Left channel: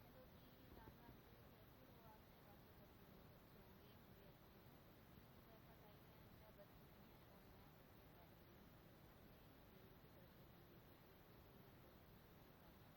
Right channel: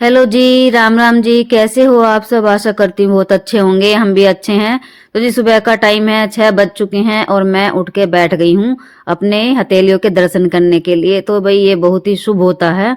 Hello जी, राम राम जी। कैसे हो आप सब? आशा करती हूँ बहुत अच्छे होंगे। हम भी अच्छे हैं। तो जी, सुबह का टाइम है, 6 बज चुके हैं और मैं उठ के बैठ गई हूँ अपने हथेलियों के दर्शन करने के लिए। तो भाई ये बहुत ही शुभ होता है।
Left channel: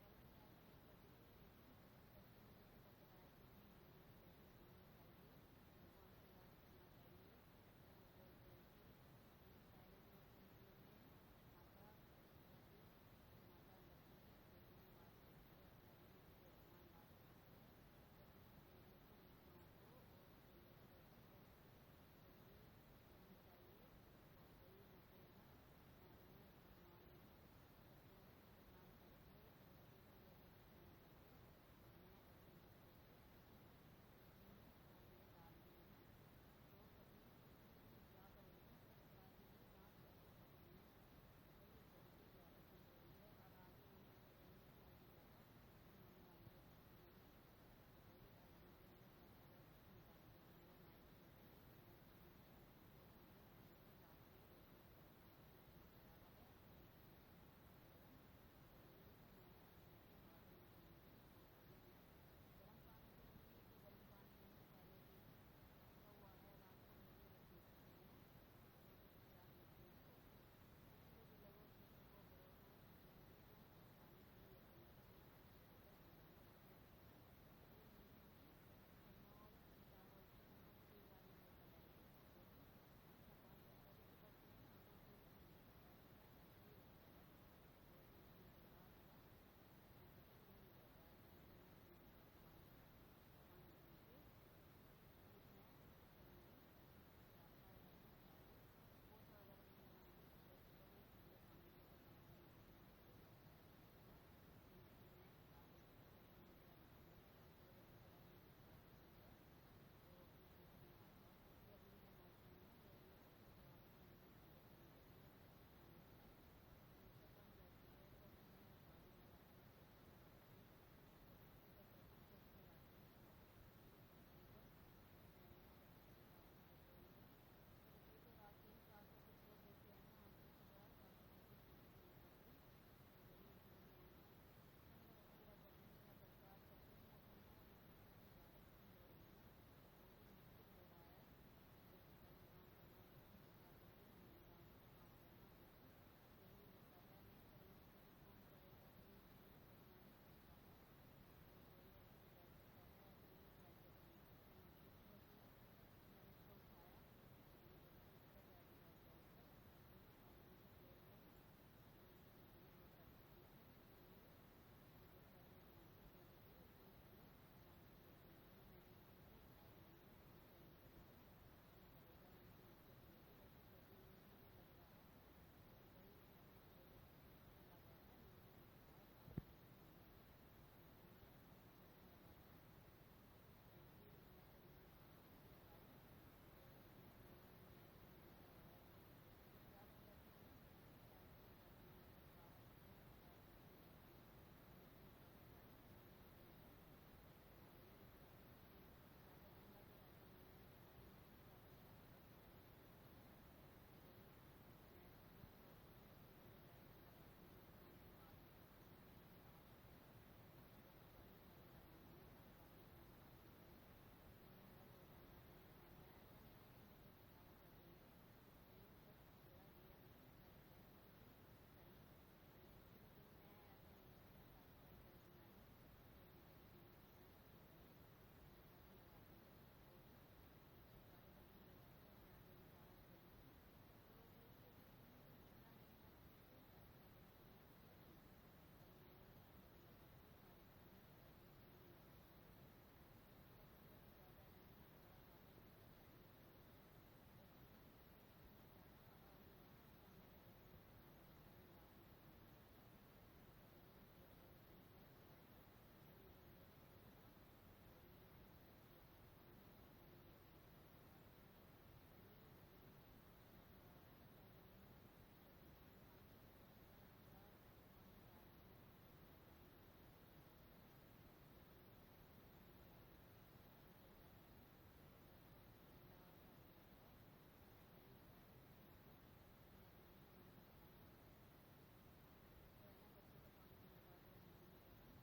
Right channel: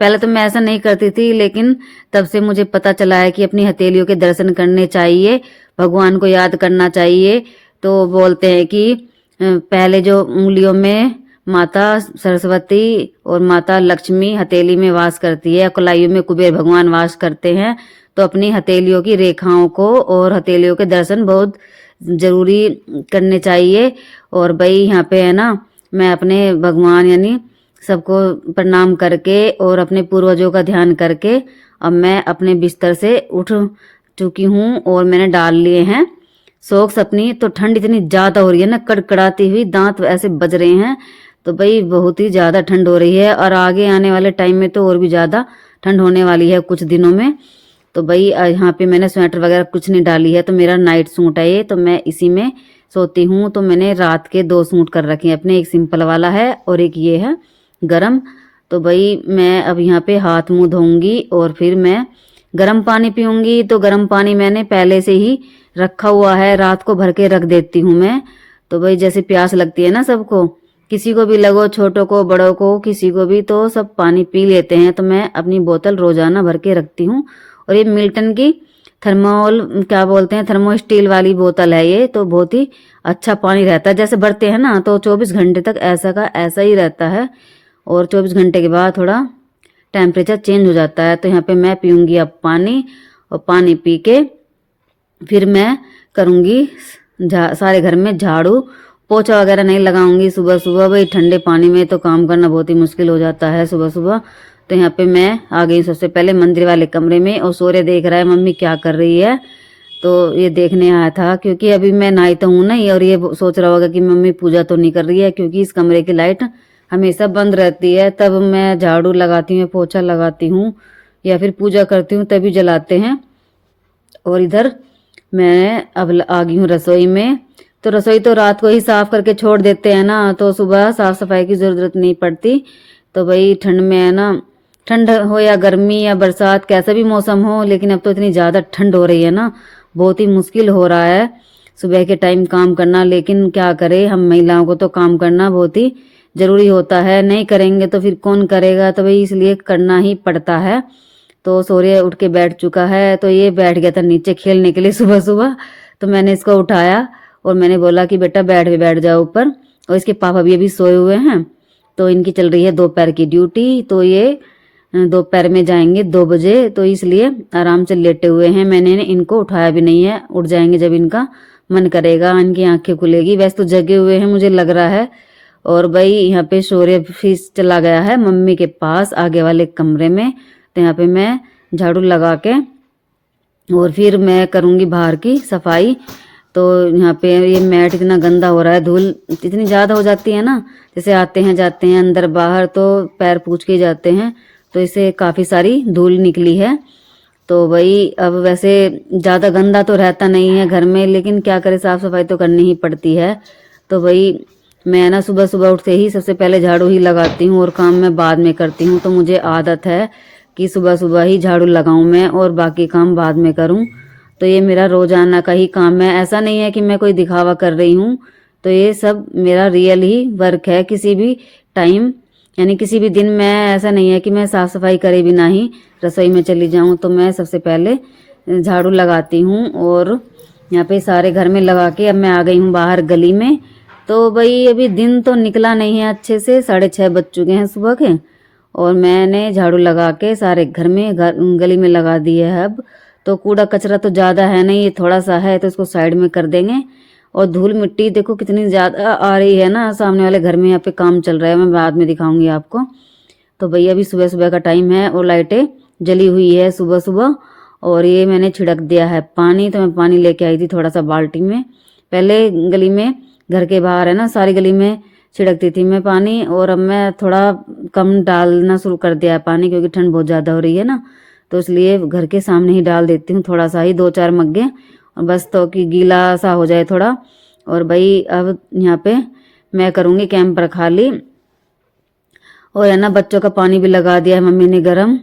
पहले तो मैं ऐसा नहीं करती थी, लेकिन तब से मुझे पता चला है कि अपनी हथेलियों के दर्शन करने चाहिए, भगवान को याद करना चाहिए। तो बोलते हैं कि पहले जो उंगलियों में माता सरस्वती और माता लक्ष्मी हथेली में वास करती है, कलाइयों में कुबेर भगवान वास करते हैं। तो अपनी हथेलियों की रेखाओं को और हथेलियों के दर्शन बहुत जरूरी करने चाहिए। और भाई यहाँ पे है ना, मैं अपने भगवान यानी सबको प्रणाम करके और अपने पूर्वजों का ध्यान करके अब मैं अपने बिस्तर से उठ चुकी हूँ और मैंने डाल लिए हैं सॉक्स अपनी। तो ठंड इतनी ज्यादा हो रही है ना, कड़कड़ाती हुई, दांत ऐसे बज रहे हैं। तो भाई बहुत ही ज्यादा ठंड हो रही है और आगे आने वाले टाइम में तो और भी ज्यादा ठंड होने वाली है कुछ दिनों में। तो भाई यहाँ पे मैंने स्वेटर वगैरह कुछ नहीं डाली है। तो मेरा नाइट सूट है ये, तो मैं इसी में सोती हूँ। तो मैंने रात के 2 सूट कर रखे हैं अपने, एक सिंपल वाला है और एक ये है गरम। तो भाई मैं अब यहाँ पे हाथ मुंह धोऊंगी और फिर मैं गर्म पानी पीऊंगी। तो गर्म पानी मैंने पहले से ही रखा हुआ है, रात को भर के रख देती हूँ मैं। तो भाई जैसे प्यास लगती है ना सबको, किसी को भी लगो, छोटों को बड़ों को, किसी को भी, तो सब पानी पी लेते हैं। तो मैं अपनी बोतल रोजाना भर के रखती हूँ। और ये मिल्टन की थर्मोल क्या बोलते हैं, थर्मो स्टील वाली बोतल है ये। तो बहुत ही अच्छा पानी रहता है, जैसे भरते हैं ना तो 24 घंटे तक ऐसा का ऐसा ही रहता है। और 24 घंटे के बाद थोड़ा टेम्परेचर चेंज हो जाता है। तो यहाँ पे मैं पीऊंगी अब पानी, और पानी पी के फिर मैं करूंगी सारे घर में झाड़ू पोछा वगैरह नहीं लगाऊंगी सुबह सुबह। भाई ठंडे पानी में तो काम करना बहुत ही मुश्किल हो जाता है सुबह सुबह। तो यहाँ पे मैं आ गई सबसे पहले मंदिर वाले कमरे में, और सूर्य देख रहा है मम्मी क्या कर रही है। तो ये देखने आया था, क्योंकि अभी मैं नहाई तो हूँ नहीं, और ये सोच रहा होगा कि मम्मी पूजा तो नहीं कर रही है, क्योंकि इस कमरे की लाइट हमेशा बंद रहती है। तब मैं झाड़ू लगाती हूँ, पोछा लगाती हूँ या फिर पूजा करती हूँ तभी जलाते हैं। और इधर मैं अब आ गई हूँ रसोई में। तो रसोई तो रात को ही साफ करके छोड़ देते हैं ना, तो सुबह साफ सफाई की जरूरत नहीं पड़ती। तो भाई ठंड में है ना, ठंड हो या गर्मी या बरसात, कैसा भी मौसम हो, लेकिन अब तो इतनी ज्यादा ठंड हो रही है ना, बहुत ही मुश्किल हो रहा है सुबह के टाइम काम करना। लेकिन क्या करे, हम महिलाओं को तो काम करना बहुत ही जरूरी होता है, नहीं करेंगे तो फिर कौन करेगा। तो भाई इसलिए करना ही पड़ता है। तो सूर्य उठ के बैठ चुका है, तो ये बैठ गया था नीचे खेलने के लिए सुबह सुबह। तो मैंने इसको उठाया और मैंने बोला कि बेटा बैठ जाओ ऊपर। और इसके पापा भी अभी सोए हुए हैं। तो इनकी चल रही है दोपहर की ड्यूटी, तो ये दोपहर में जाएंगे 2 बजे। तो इसलिए आराम से लेटे हुए हैं, मैंने इनको उठाया भी नहीं है। उठ जाएंगे जब इनका मन करेगा, इनकी आंखें खुलेगी। वैसे तो जगे हुए हैं मुझे लग रहा है। और भाई यहाँ पे सूर्य फिर चला गया है मम्मी के पास आगे वाले कमरे में। तो यहाँ पे मैं झाड़ू लगा के और फिर मैं करूँगी बाहर की सफाई। तो यहाँ पे ये मैट इतना गंदा हो रहा है, धूल इतनी ज़्यादा हो जाती है ना, जैसे आते हैं जाते हैं अंदर बाहर तो पैर पूछ के जाते हैं, तो इसे काफ़ी सारी धूल निकली है। तो भाई अब वैसे ज़्यादा गंदा तो रहता नहीं है घर में, लेकिन क्या करे, साफ़ सफाई तो करनी ही पड़ती है। तो भाई मैं ना सुबह सुबह उठते ही सबसे पहले झाड़ू ही लगाती हूँ और काम मैं बाद में करती हूँ। तो मुझे आदत है कि सुबह सुबह ही झाड़ू लगाऊं मैं और बाकी काम बाद में करूं। तो ये मेरा रोजाना का ही काम है, ऐसा नहीं है कि मैं कोई दिखावा कर रही हूँ। तो ये सब मेरा रियल ही वर्क है। किसी भी टाइम यानी किसी भी दिन मैं, ऐसा नहीं है कि मैं साफ सफाई करे बिना ही रसोई में चली जाऊं। तो मैं सबसे पहले झाड़ू लगाती हूँ और यहाँ पे सारे घर में लगा के अब मैं आ गई हूँ बाहर गली में। तो भाई अभी दिन तो निकला नहीं है अच्छे से, 6:30 बज चुके हैं सुबह के, और मैंने झाड़ू लगा के सारे घर में गली में लगा दिए है अब। तो कूड़ा कचरा तो ज़्यादा है नहीं, ये थोड़ा सा है, तो इसको साइड में कर देंगे। और धूल मिट्टी देखो कितनी ज़्यादा आ रही है ना, सामने वाले घर में यहाँ पे काम चल रहा है, मैं बाद में दिखाऊंगी आपको। तो भैया अभी सुबह सुबह का टाइम है और लाइटें जली हुई है सुबह सुबह। और ये मैंने छिड़क दिया है पानी। तो मैं पानी लेके आई थी थोड़ा सा बाल्टी में, पहले गली में, घर के बाहर है ना, सारी गली में छिड़कती थी मैं पानी। और अब मैं थोड़ा कम डालना शुरू कर दिया है पानी, क्योंकि ठंड बहुत ज़्यादा हो रही है ना। तो इसलिए घर के सामने ही डाल देती हूँ थोड़ा सा ही, 2-4 मग्गे, और बस तो कि गीला सा हो जाए थोड़ा। और भाई अब यहाँ पे मैं करूँगी कैंपर खाली। और है ना, बच्चों का पानी भी लगा दिया है मम्मी ने गरम,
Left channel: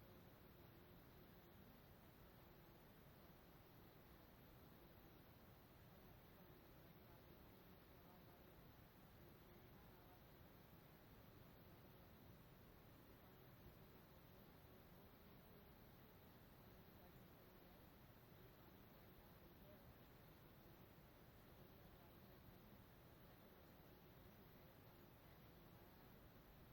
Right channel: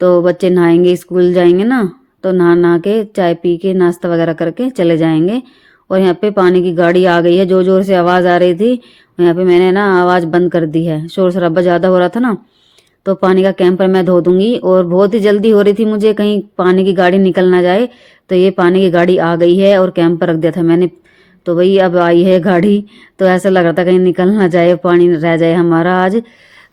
तो बच्चे नहाएंगे, स्कूल जाएंगे ना, तो नहा के चाय पी के नाश्ता वगैरह करके चले जाएंगे। और यहाँ पे पानी की गाड़ी आ गई है, जोर जोर से आवाज़ आ रही थी। यहाँ पे मैंने ना आवाज़ बंद कर दी है, शोर शराबा ज़्यादा हो रहा था ना। तो पानी का कैंपर मैं धो दूंगी। और बहुत ही जल्दी हो रही थी मुझे, कहीं पानी की गाड़ी निकल ना जाए। तो ये पानी की गाड़ी आ गई है और कैंपर रख दिया था मैंने, तो वही अब आई है गाड़ी। तो ऐसा लग रहा था कहीं निकल ना जाए, पानी रह जाए हमारा आज।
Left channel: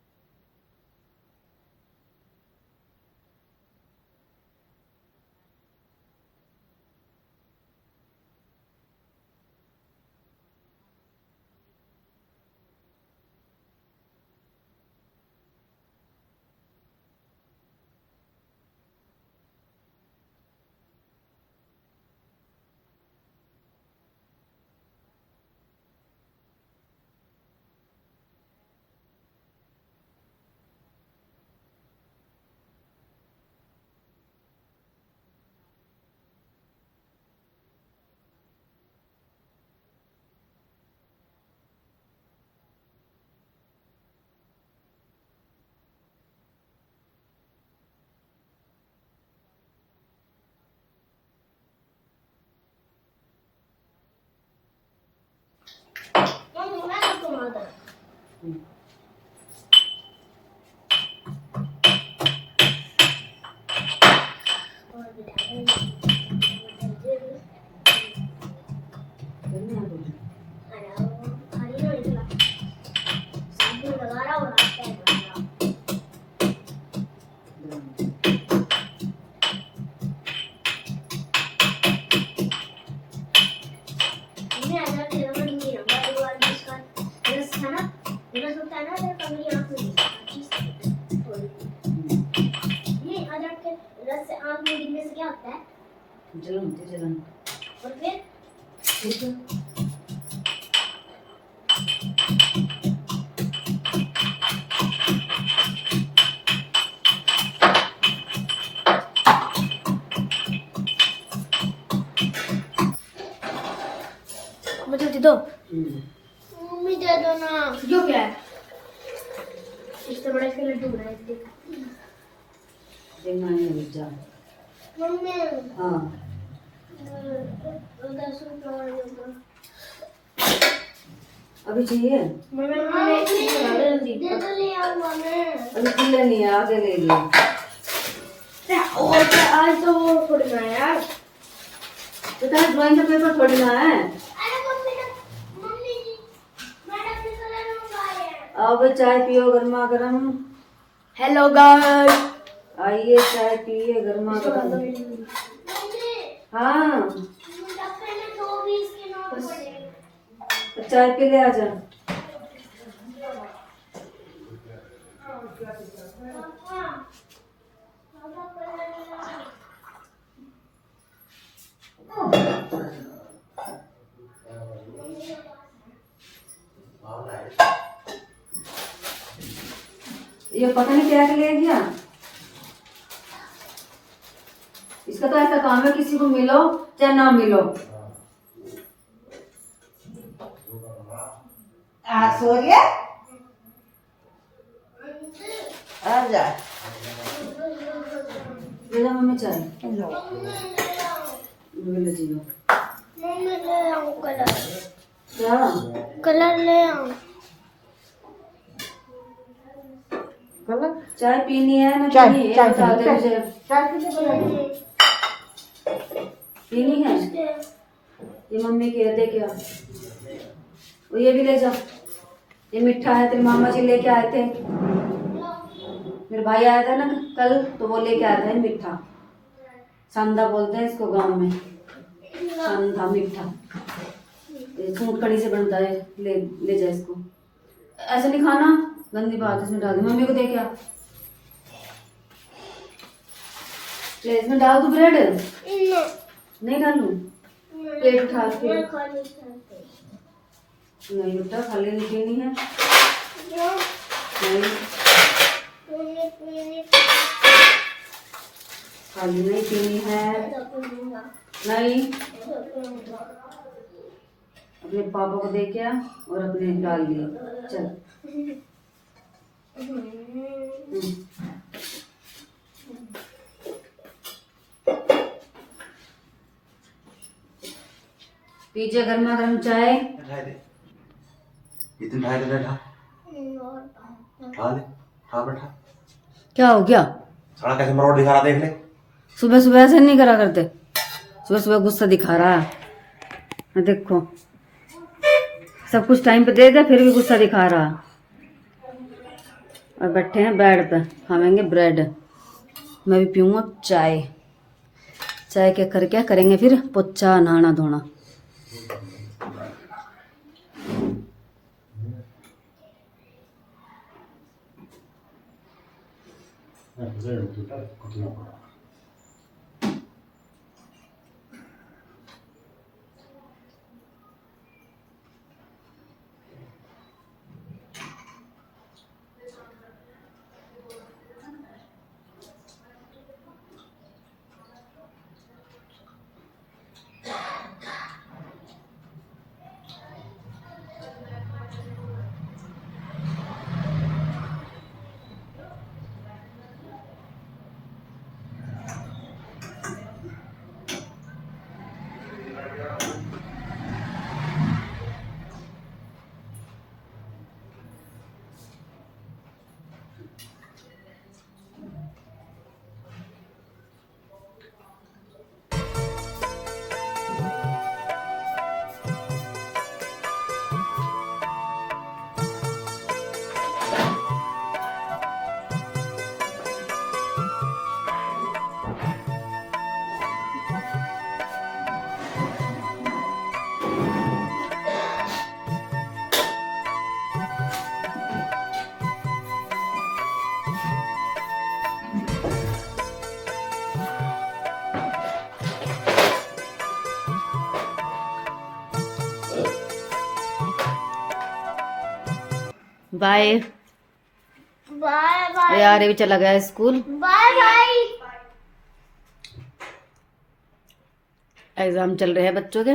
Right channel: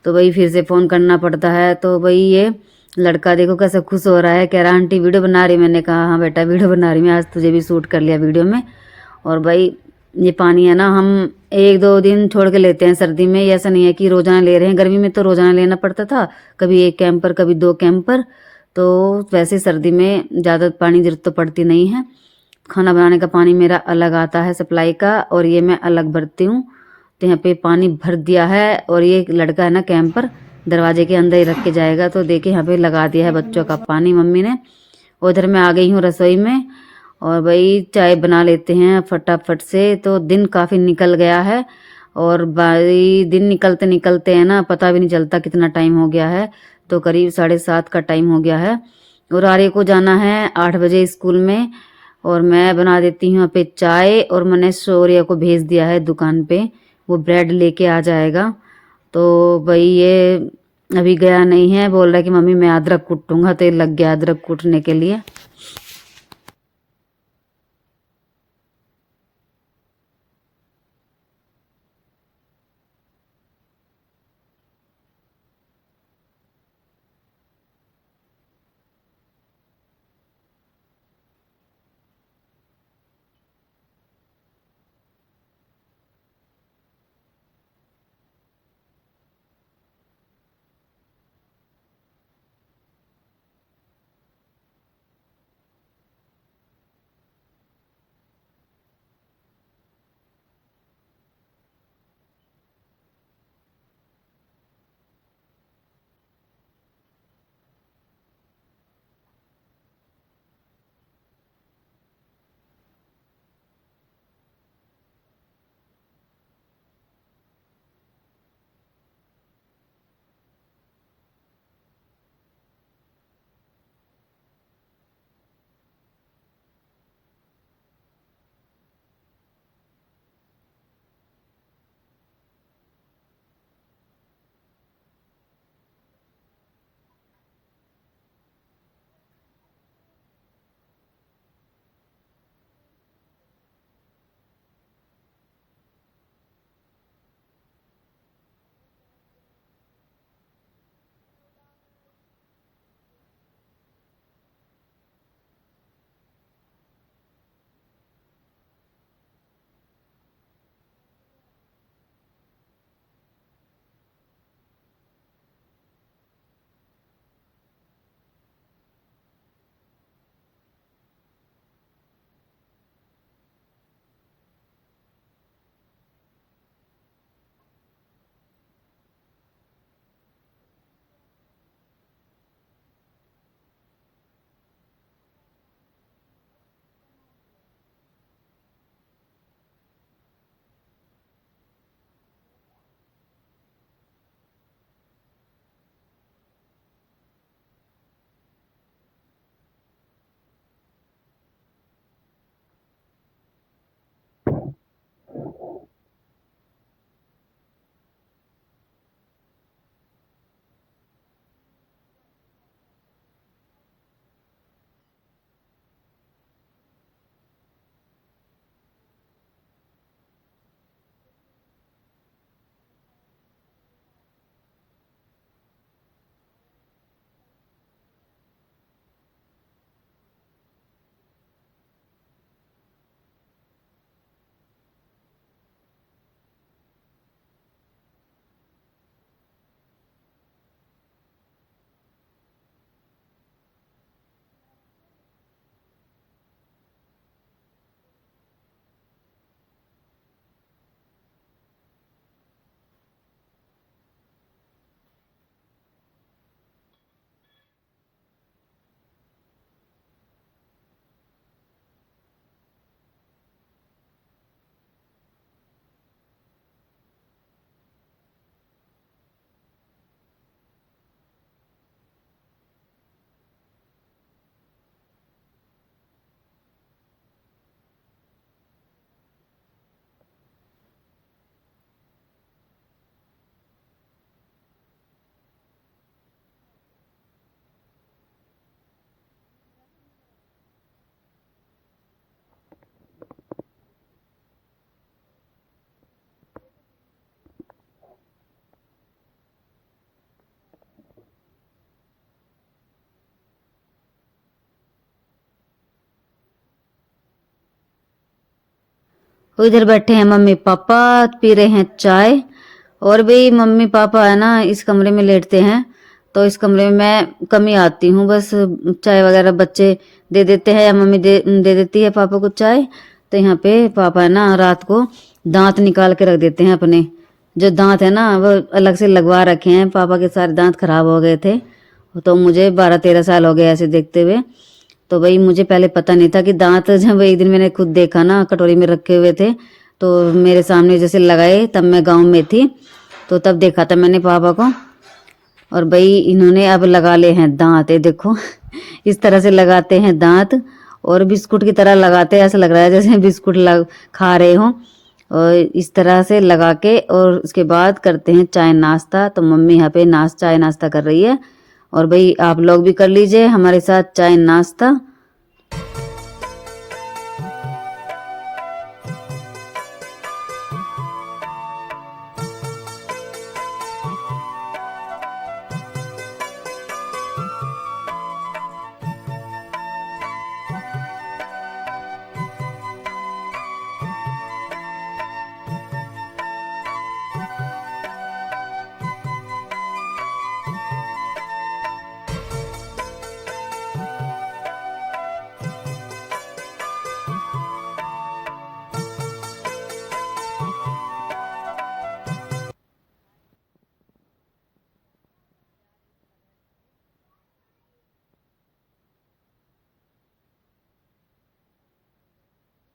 तो वही फिर से फ़ोन करना पड़ता है। तो वही ये लड़का देखो कैसे खुश हो रहा है, कह रहा आंटी वीडियो बना रही। मैंने कहा हाँ बेटा वीडियो बना रही मैं, आज तुझे भी शूट कर लिया वीडियो में। और भाई ये पानी है ना, हम 1-2 दिन छोड़ के लेते हैं सर्दी में, ऐसा नहीं है कि रोजाना ले रहे हैं। गर्मी में तो रोजाना लेना पड़ता था, कभी 1 कैंपर कभी 2 कैंपर। तो वैसे सर्दी में ज़्यादा पानी जरूरत तो पड़ती नहीं है। खाना बनाने का पानी मेरा अलग आता है सप्लाई का, और ये मैं अलग भरती हूँ। तो यहाँ पे पानी भर दिया है। और ये लड़का है ना कैंपर दरवाजे के अंदर ही रख के जाएगा। तो देखिए यहाँ पे लगा दिया है बच्चों का पानी मम्मी ने। उधर मैं आ गई हूँ रसोई में, और भाई चाय बना लेते हैं फटाफट से। तो दिन काफ़ी निकल गया है, और भाई दिन निकलते निकलते है ना पता भी नहीं चलता कितना टाइम हो गया है। तो करीब 7:30 का टाइम हो गया है। और आर्य को जाना है 8 बजे स्कूल में। और मैं बना देती हूँ यहाँ पे चाय, और मैंने शौर्य को भेज दिया है दुकान पे, वो ब्रेड लेके आ जाएगा। तो भाई ये अभी गया नहीं है, बोल रहा है कि मम्मी मैं अदरक कूटूंगा। तो ये लग गया अदरक कूटने के लिए। जलन जलन और फिर मुझे दे दो। मम्मी दे दो ना। यो क्या है? इससे बड़ा इसका लड्डू बनाए थे। देखना है जा। मम्मी हाँ 10 रुपये अभी चाहिए। मम्मी दे दो ले आओ मम्मी। अभी चिल्ला नहीं है, आगे ले लियो। और क्या आज तो वो पढ़ना है यार, तो तेरा ड्राइंग का पेपर पढ़ना है। अब चाय पियो गर्मा गर्म। हेलो गाइस, आइए चाय पिए गर्मा गर्म। हाँ चाय पी ले आजा। ये पता नहीं क्या ले गया, इसका तो ऐसा काम है किसी को मिलो चाहे ना मिलो। सूर्य आजा मम्मी चाय ले जियो। मम्मी ले आओ कलर। क्या कलर ले आओ? कलर चाय पीनी है ना? चाय पीनी है। ये मम्मी के दे क्या, वो ये भी ले जाओ। ये मीठा है, तेरे मामा जी लेके आए थे, मेरे भाई आया था ना कल, तो वो लेके आया था मीठा। संधा बोलते हैं इसको गांव में, संधा मीठा। सूट कड़ी से बनता है, ले जा इसको। ऐसे नहीं खाना, गंदी बात इसमें डाल दे। मम्मी को दे क्या, ले इसमें डाल दो ब्रेड। नहीं डालू, पेट उठा के नहीं बेटा, खाली नहीं पीनी है। नहीं खाली नहीं पीनी है। नहीं अपने पापा को दे क्या और अपने डाल दिए। चल पीछे गर्मा गर्म चाय। क्या हो गया? साला कैसे मरोड़ दिखा रहा, देख ले। सुबह सुबह ऐसे नहीं करा करते, सुबह सुबह गुस्सा दिखा रहा है। देखो सब कुछ टाइम पे दे दिया फिर भी गुस्सा दिखा रहा। और बैठे हैं बेड पे, खाएंगे ब्रेड। मैं भी पीऊँगा चाय। चाय के कर क्या करेंगे फिर, पोछा नहाना धोना। इधर बैठे हैं मम्मी पापा, पी रहे हैं चाय। और भी मम्मी पापा है ना इस कमरे में लेटते हैं, तो इस कमरे में मैं कम ही आती हूँ। बस चाय वगैरह बच्चे दे देते हैं या मम्मी दे देती है पापा को चाय। तो यहाँ पे पापा है ना रात को दांत निकाल के रख देते हैं अपने। जो दांत है ना वो अलग से लगवा रखे हैं, पापा के सारे दांत खराब हो गए थे। तो मुझे 12-13 साल हो गए ऐसे देखते हुए। तो भाई मुझे पहले पता नहीं था कि दांत, जब एक दिन मैंने खुद देखा ना कटोरी में रखे हुए थे तो मेरे सामने जैसे लगाए, तब मैं गांव में थी तो तब देखा था मैंने पापा को। और भाई इन्होंने अब लगा ले हैं दांत, ये देखो इस तरह से लगाते हैं दांत और बिस्कुट की तरह लगाते हैं। ऐसा लग रहा है जैसे बिस्कुट खा रहे हो। और इस तरह से लगा के और उसके बाद करते हैं चाय नाश्ता। तो मम्मी यहाँ पे चाय नाश्ता कर रही है। और भाई आप लोग भी कर लीजिए हमारे साथ चाय नाश्ता। Bye bye bye. यार ये भी चला गया स्कूल। Bye bye. एग्जाम चल रहे हैं बच्चों के।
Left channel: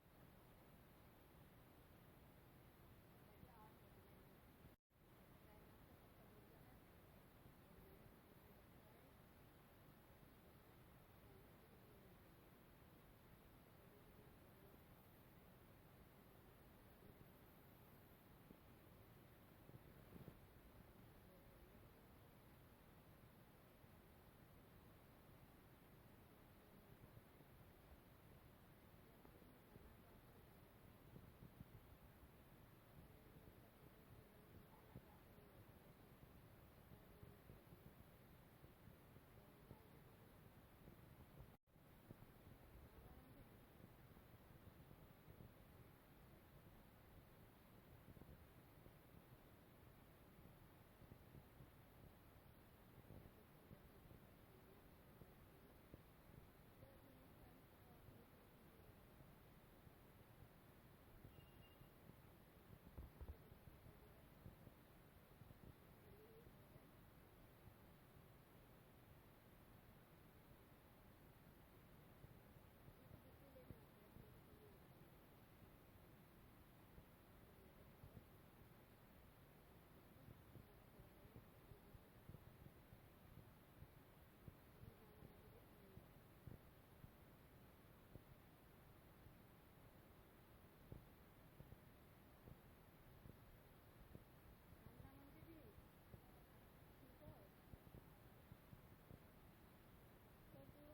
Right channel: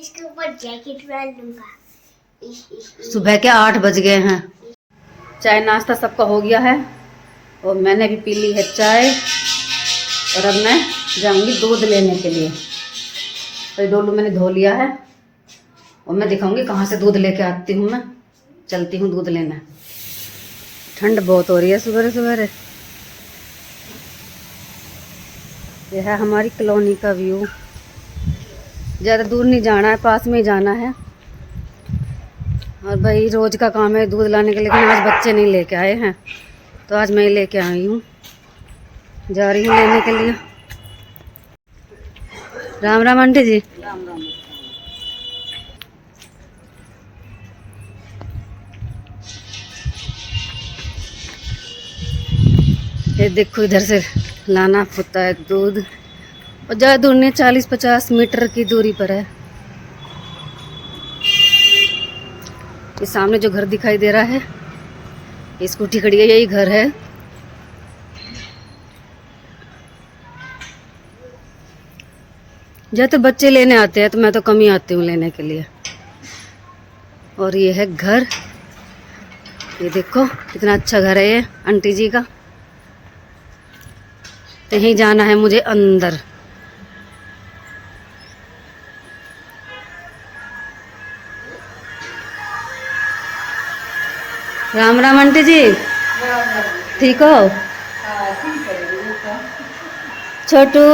इसके ऊपर जैकेट पहन लूंगा। सुबह के 8 बज गए हैं। चाय नाश्ता सबका हो गया है और मैंने भी पी ली है चाय। और अब मैं जाऊंगी दूध लेने के लिए। तो डोलू मैंने धो लिया है और मैं दिखाऊंगी कहाँ से दूध लेके आती हूँ। मैं चलती हूँ दूध लेना। ठंड बहुत हो रही है सुबह सुबह। यह है हमारी कॉलोनी का व्यू। ज़्यादा दूर नहीं जाना है, पास में ही जाना है। और भाई रोज का काम है दूध लाने के, लेकिन आज बच्चे नहीं लेके आए हैं तो आज मैं लेके आई हूँ। जा रही हूँ लेने के लिए। राम राम आंटी जी। राम राम। ये देखो इधर से लाना होता है दूध। और ज़्यादा दूर नहीं, 40-50 मीटर की दूरी पर है। ये सामने जो घर दिखाई दे रहा है, ये स्कूटी खड़ी है, यही घर है। जब बच्चे लेने आते हैं तो मैं तो कम ही आती हूँ लेने के लिए। और ये है घर। ये देखो कितना अच्छा घर है ये आंटी जी का। तो यहीं जाना है मुझे अंदर। राम राम आंटी जी। ठीक हो? छोटू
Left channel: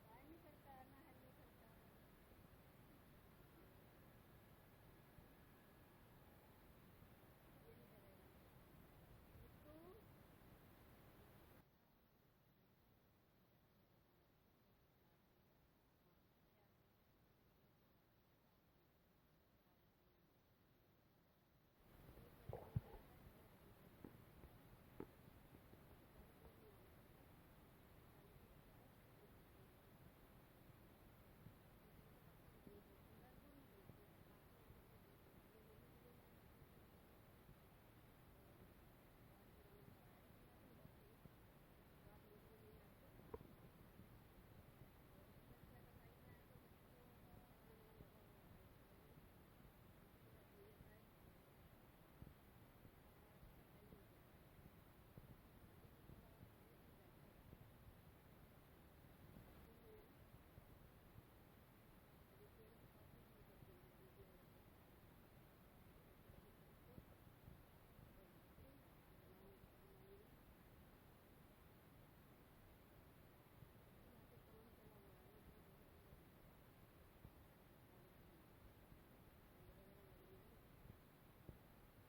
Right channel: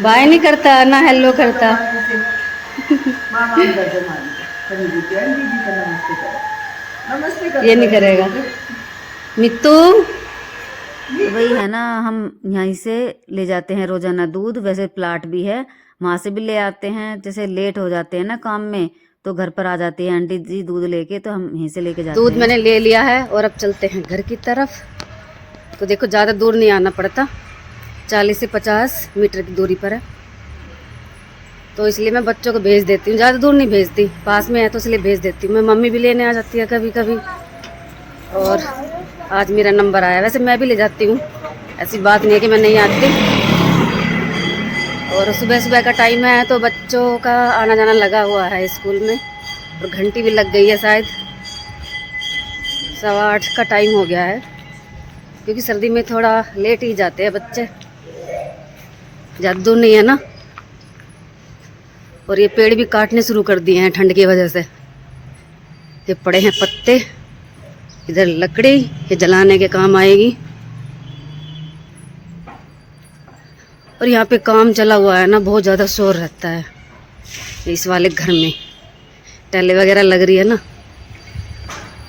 बाय नहीं करता ना हेलो करता। ये नहीं करेगा मित्तू। तो वही है ना, हम यहीं से ले जाते हैं रोजाना दूध। वैसे प्लाट भी है, वहां से भी ले आते हैं। जैसे लेट हो जाते हैं ना काम में तो घर पर आ जाती है आंटी जी दूध लेके, तो हम यहीं से लेके जाते हैं। दूध मैंने ले लिया है और अब चलते हैं घर की तरफ। तो देखो ज़्यादा दूर नहीं आना पड़ता, 40 से 50 मीटर की दूरी पर है। तो इसलिए मैं बच्चों को भेज देती हूँ, ज़्यादा दूर नहीं भेजती, पास में है तो इसलिए भेज देती हूँ। मैं मम्मी भी लेने आ जाती है कभी कभी। और आज मेरा नंबर आया। वैसे मैं भी ले जाती हूँ, ऐसी बात नहीं है कि मैं नहीं आती। और सुबह सुबह का टाइम है तो बच्चों का आना जाना लगा हुआ है स्कूल में। और घंटी भी लग गई है, शायद 7:15 का टाइम हो गया है। क्योंकि सर्दी में थोड़ा लेट ही जाते हैं बच्चे, ज़्यादा दूर नहीं है ना। और ये पेड़ भी काटने शुरू कर दिए हैं ठंड की वजह से। ये पड़े हैं पत्ते, इधर लकड़ी, ये जलाने के काम आएगी। और यहाँ पे काम चला हुआ है ना, बहुत ज़्यादा शोर रहता है इस वाले घर में, टाइलें वगैरह लग रही है ना।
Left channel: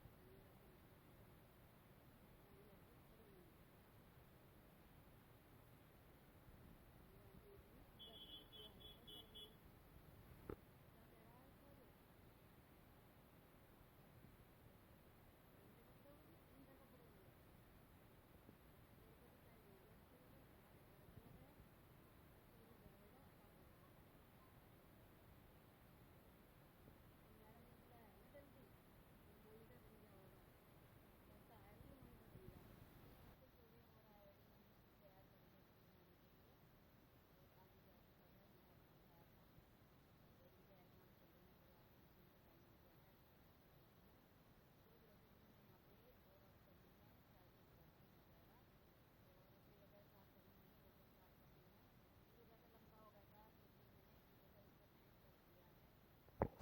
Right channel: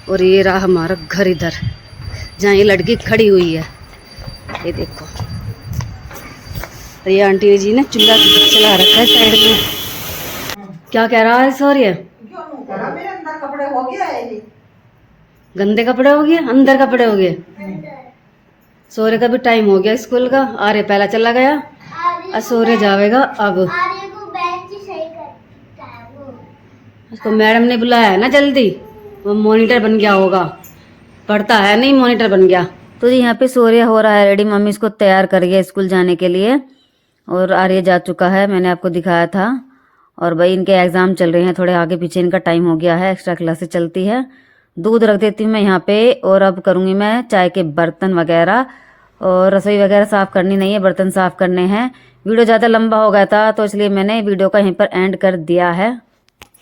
और ये रहा हमारा घर इधर, जहाँ ये लड़की खड़ी हुई है, ये देखो। और ये आंटी जी ने चूल्हा चला रखा है साइड में। क्या कह रहा है सॉरी? मेरे अंदर कपड़े हो गया है ये। गंदे कपड़े हो गए, अंदर कपड़े हो गए। सोरे का भी टाइम हो गया स्कूल का। आर्य पहला चला गया, और सोरे जावेगा अब। उसको मैडम ने बुलाया है ना जल्दी, वो मॉनिटर बन गया होगा, पढ़ता है नहीं, मॉनिटर बन गया। तो जी यहाँ पे सूर्य हो रहा है रेडी, मम्मी इसको तैयार कर गया स्कूल जाने के लिए, और आर्य जा चुका है, मैंने आपको दिखाया था। और भाई इनके एग्जाम चल रहे हैं, थोड़े आगे पीछे इनका टाइम हो गया है, एक्स्ट्रा क्लासेस चलती है। दूध रख देती हूँ मैं यहाँ पे, और अब करूँगी मैं चाय के बर्तन वगैरह, और रसोई वगैरह साफ़ करनी नहीं है, बर्तन साफ़ करने हैं। वीडियो ज़्यादा लंबा हो गया था तो इसलिए मैंने वीडियो का यहीं पर एंड कर दिया है।